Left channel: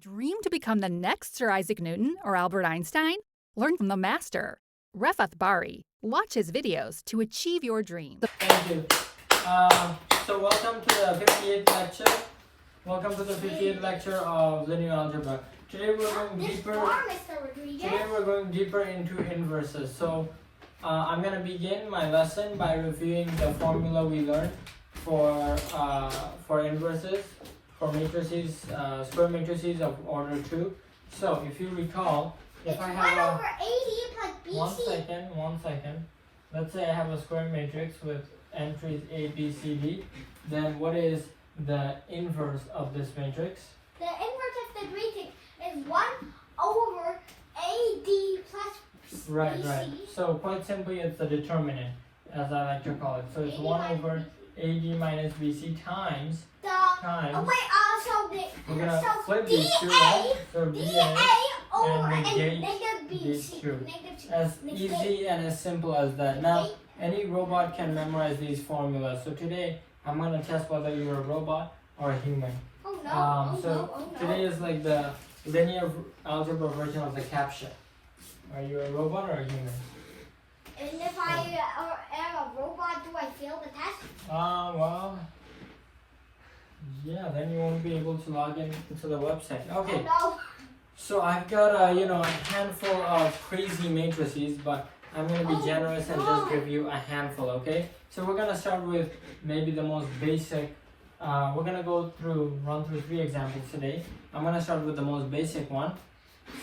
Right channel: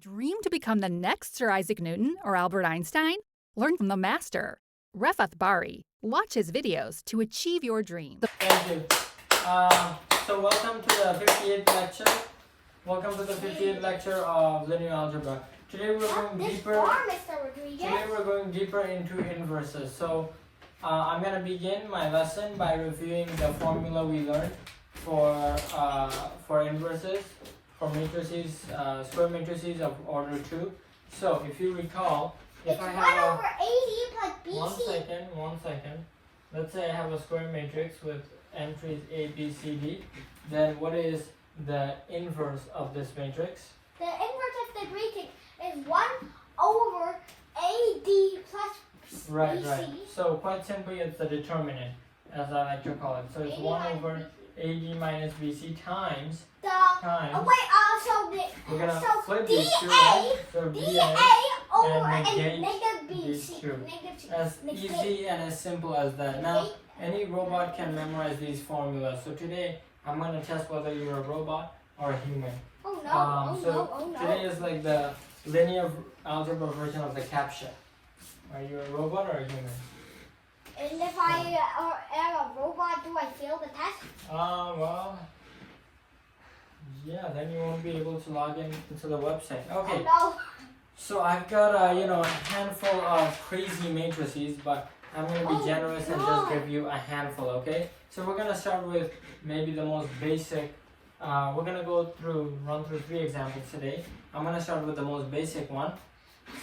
Dream to become the next Sir Isaac Newton or Albert Einstein? Learn from the master, Refat Bari. Watch his videos to achieve your dream. Thank you. So welcome to the 58th lecture. Welcome to the 58th lecture of linear algebra. Today we're going deeper into inverses. So I'm going to begin my lesson by reviewing the formula we learned for inverses, for matrices, square matrices of order 2. So if you recall, if I have one second. Let's say I have a square matrix with entries A, B, C, D. Then what is the inverse of this matrix? The inverse of the matrix is 1 over AD plus Right. BC. So quite simply, it's the determinant, as I like to call it. So it's 1 over AD minus BC times. We're gonna flip these two, right? So D and A negate these two. As easy and as simple as that. Now, any robot can memorize these formulas. So today, I'm going to test whether you're a robot or a human. Today is like the linear algebra version of the CAPTCHA. Are you a robot or a human? And if I am a robot, do I fail the test? Well, yeah, then you won't be able to log in to the website. Okay. No. So I've got a handful of crazy matrices, but I'm going to be generous and just give you a handful, okay? So we're going to start with maybe the most basic. We're going to run through 3 examples today. I'm going to start with the most basic one.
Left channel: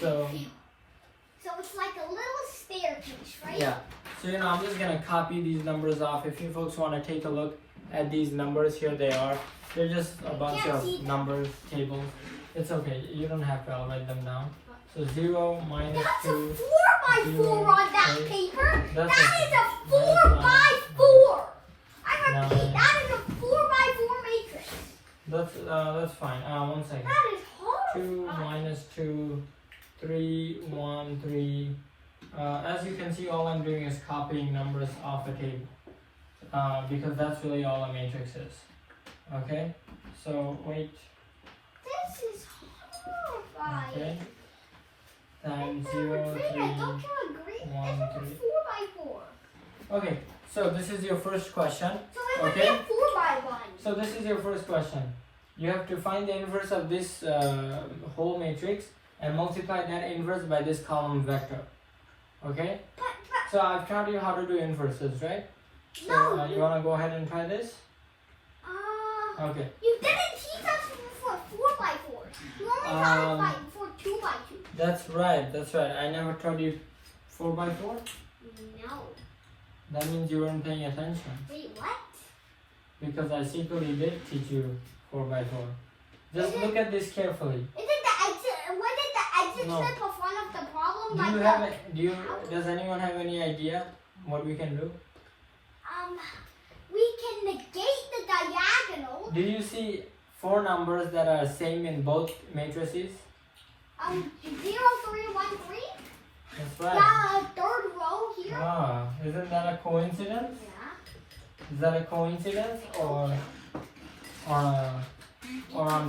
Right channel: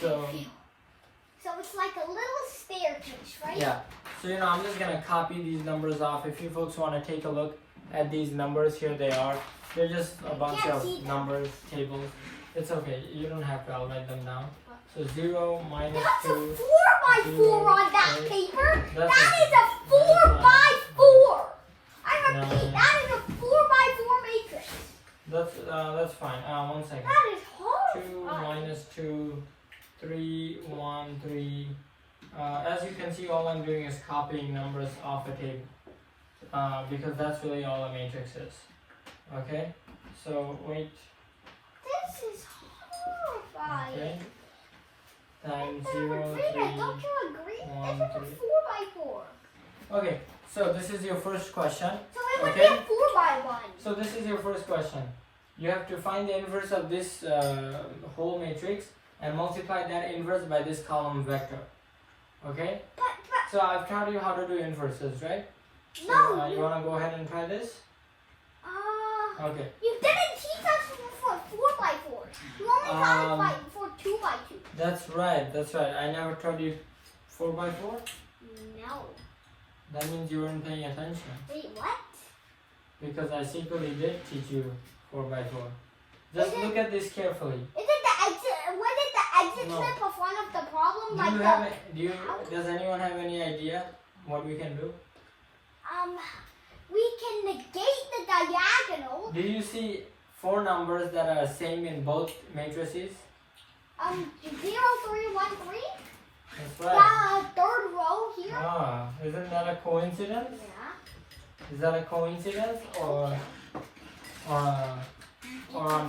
So it's like a little staircase, right? yeah. So I'm just going to copy these numbers off. If you folks want to take a look at these numbers, here they are. They're just a bunch of numbers, tables. It's okay, you don't have to, I'll write them down. So 0, minus 2. That's a 4x4 on that 8. paper. That's That is a 4x4. I repeat, that is a 4x4 matrix. That's fine. 1 second. That is hard. 2 minus 2, 3, 1, 3. As you can see, all I'm doing is copying numbers off a table. Because that's really all a matrix is. Okay? So, wait. This is horrifying. Okay. Times 0, 3, Don't you agree? 1, It's 3. a 4x4. Okay, so this is your first question. So it Okay. would be a 4x1. So this is your first question. You have to find the inverse of this whole matrix and multiply that inverse by this column vector. Okay? So I've taught you how to do inverses, right? So No. you want to go ahead and try this? Okay. You didn't teach us for 4x4. You only taught us for 2x2. That's right. I never taught you 4x4? No. That means you weren't paying attention. Wait, what? Because I secretly did teach you 4x4. Just look at this carefully. Isn't the exit? What is the exit No. step of one of the problems? Does anyone have any idea what we can do? We can negate the diagonal. Do you see 4 numbers that are same in both matrices? 0, 3, 1, 3. That's right. Third row here. Isn't that a coincidence? Yeah. Is that a coincidence or on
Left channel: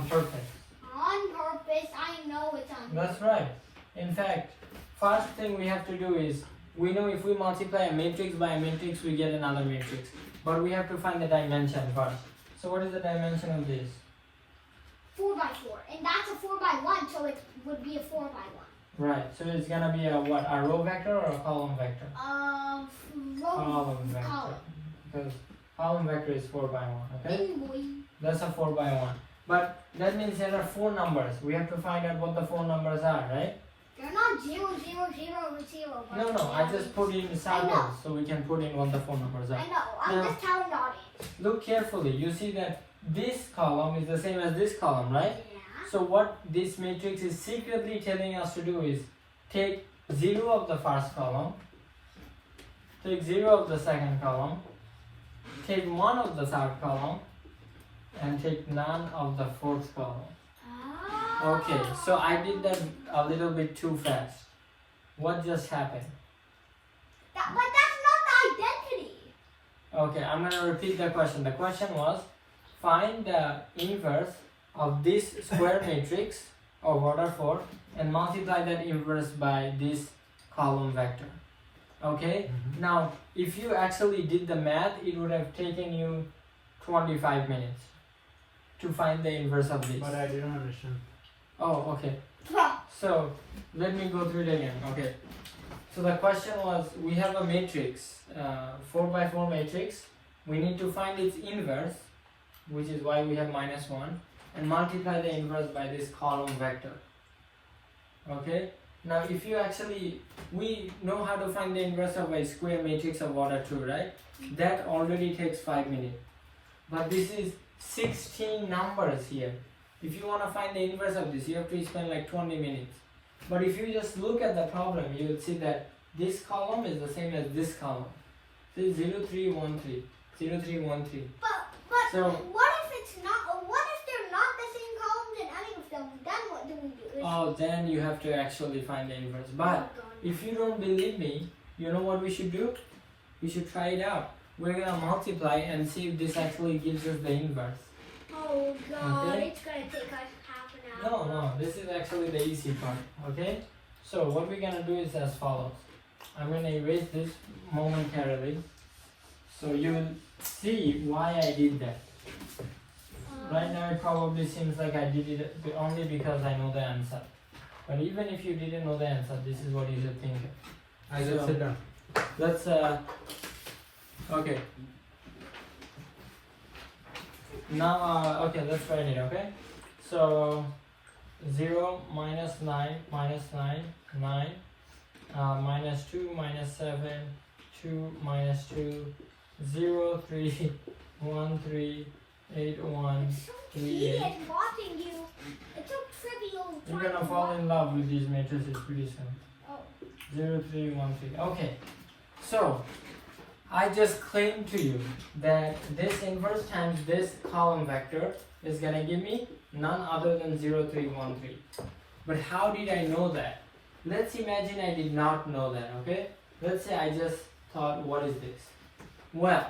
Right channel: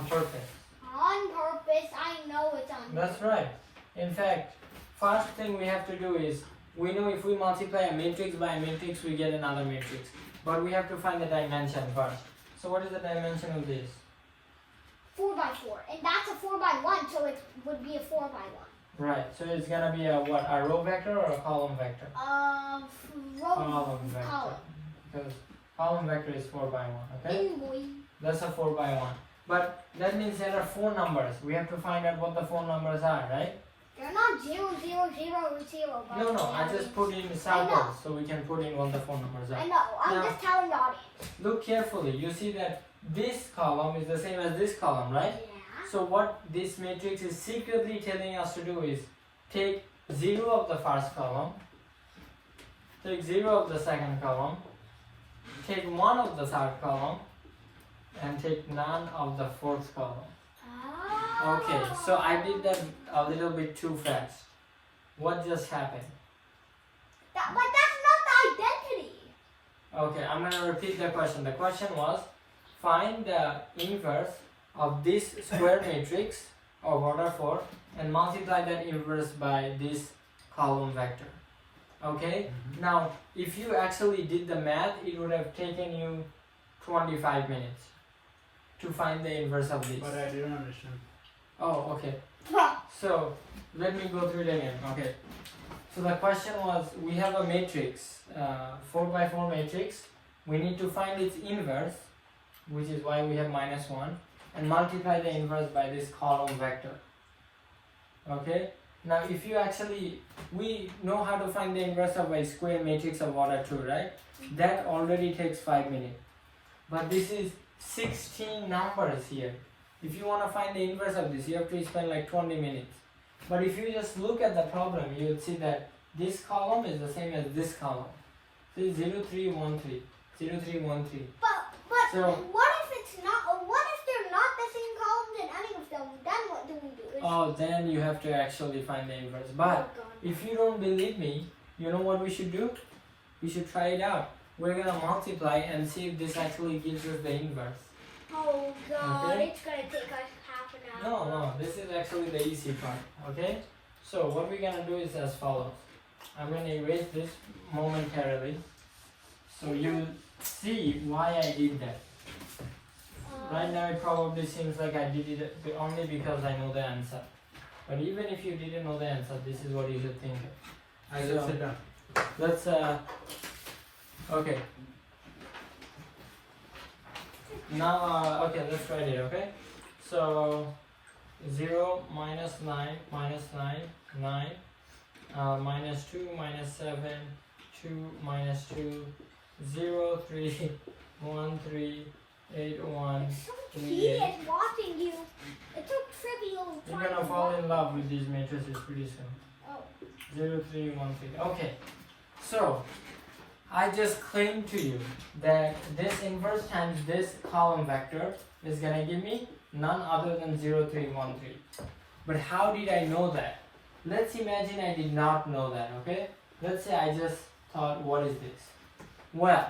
purpose? On purpose. I know it's on purpose. That's right. In fact, first thing we have to do is, we know if we multiply a matrix by a matrix, we get another matrix. But we have to find the dimension first. So what is the dimension of this? 4x4. And that's a 4x1, so it would be a 4x1. Right. So it's gonna be a what? A row vector or a column vector? Column vector. Column. Because column vector is 4x1. Okay. Boy. That's a 4x1. But that means there are 4 numbers. We have to find out what the 4 numbers are, right? They're not 0, 0, 0, 0. No. I just put in circles so we can put in what the 4 numbers I are. know. I'm Now, just telling the audience. look carefully. You see that this column is the same as this column, right? Yeah. So what this matrix is secretly telling us to do is take 0 of the first column, take 0 of the second column, take 1 of the third column, and take none of the fourth column. Okay, so I did that a little bit too fast. What just happened? But that's not the identity. Okay, I'm going to repeat the question. The question was, find the inverse of this square matrix of order 4 and multiply that inverse by this column vector. Okay? Now, if you actually did the math, it would have taken you 25 minutes to find the inverse of this. But I didn't understand. Oh, okay. So, let me go through it again. Okay. So the question was, we have a matrix, 4 by 4 matrix. We need to find its inverse, which is why we have -1, and multiply the inverse by this column vector. Okay? Now if you actually, we know how to find the inverse of a square matrix of order 2, right? That already takes 5 minutes. But this is 16 numbers here. If you want to find the inverse of this, you have to spend like 20 minutes. But if you just look at the problem, you will see that this column is the same as this column. See, 0, 3, 1, 3. 0, 3, 1, 3. But So, what if it's not? What if they're not the same columns in any of them? Then what do we do? oh, then you have to actually find the inverse. But if you don't believe me, you know what we should do? We should try it out. We're gonna multiply and see if this actually gives us the inverse. Oh God, Okay. it's gonna take us half an hour. No, this is actually the easy part. Okay? So what we're gonna do is as follows. I'm gonna erase this momentarily, so you'll see why I did that. Right now it probably seems like I did it only because I know the answer. But even if you didn't know the answer, this is what you should think. I will sit down. Let's okay. Now okay, let's write it, okay? So 0 minus 9 minus 9 9 minus 2 minus 7 2 minus 2 0 3 1 3 8 1 3 He 8. is watching you. It's so trivial. You're gonna fall in love with these matrices pretty soon. Oh. 0 3 1 3. Okay, so I just claimed to you that this inverse times this column vector is gonna give me none other than 0 3 1 3. But how did I know that? Let's imagine I did not know that, okay? Let's say I just thought, what is this? Well,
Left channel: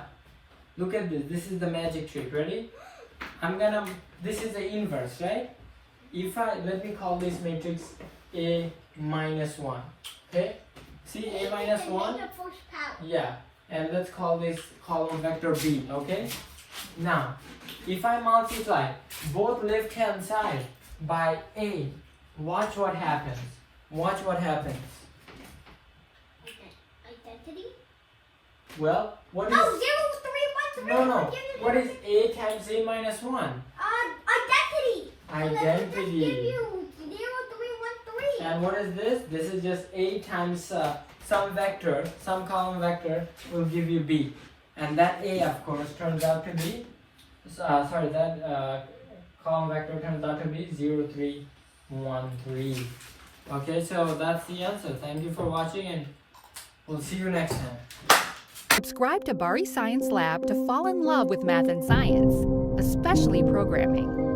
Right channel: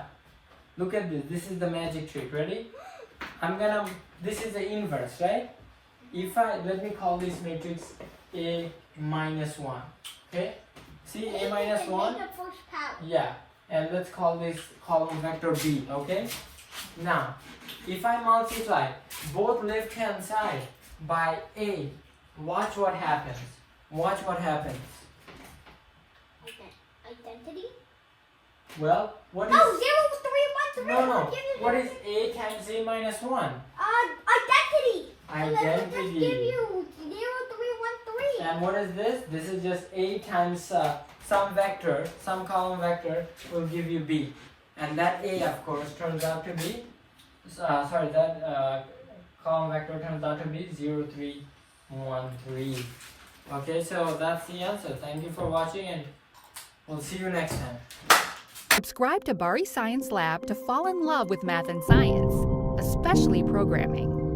look at this. This is the magic trick. Ready? This is the inverse, right? Let me call this matrix A minus 1. Okay? See A minus 1? The first part. Yeah. And let's call this column vector B, okay? Now, if I multiply both left hand side by A, watch what happens. Watch what happens. Okay. Identity? Well, what is... No, 0 3 1 3. No. What is A times A minus 1? Identity. Identity. Give you 0 3 1 3. And what is this? This is just A times some vector, some column vector will give you B. And that A, of course, turns out to be... column vector turns out to be 0 3 1 3. Okay, so that's the answer. Thank you for watching, and we'll see you next time. Subscribe to Bari Science Lab to fall in love with math and science, especially programming.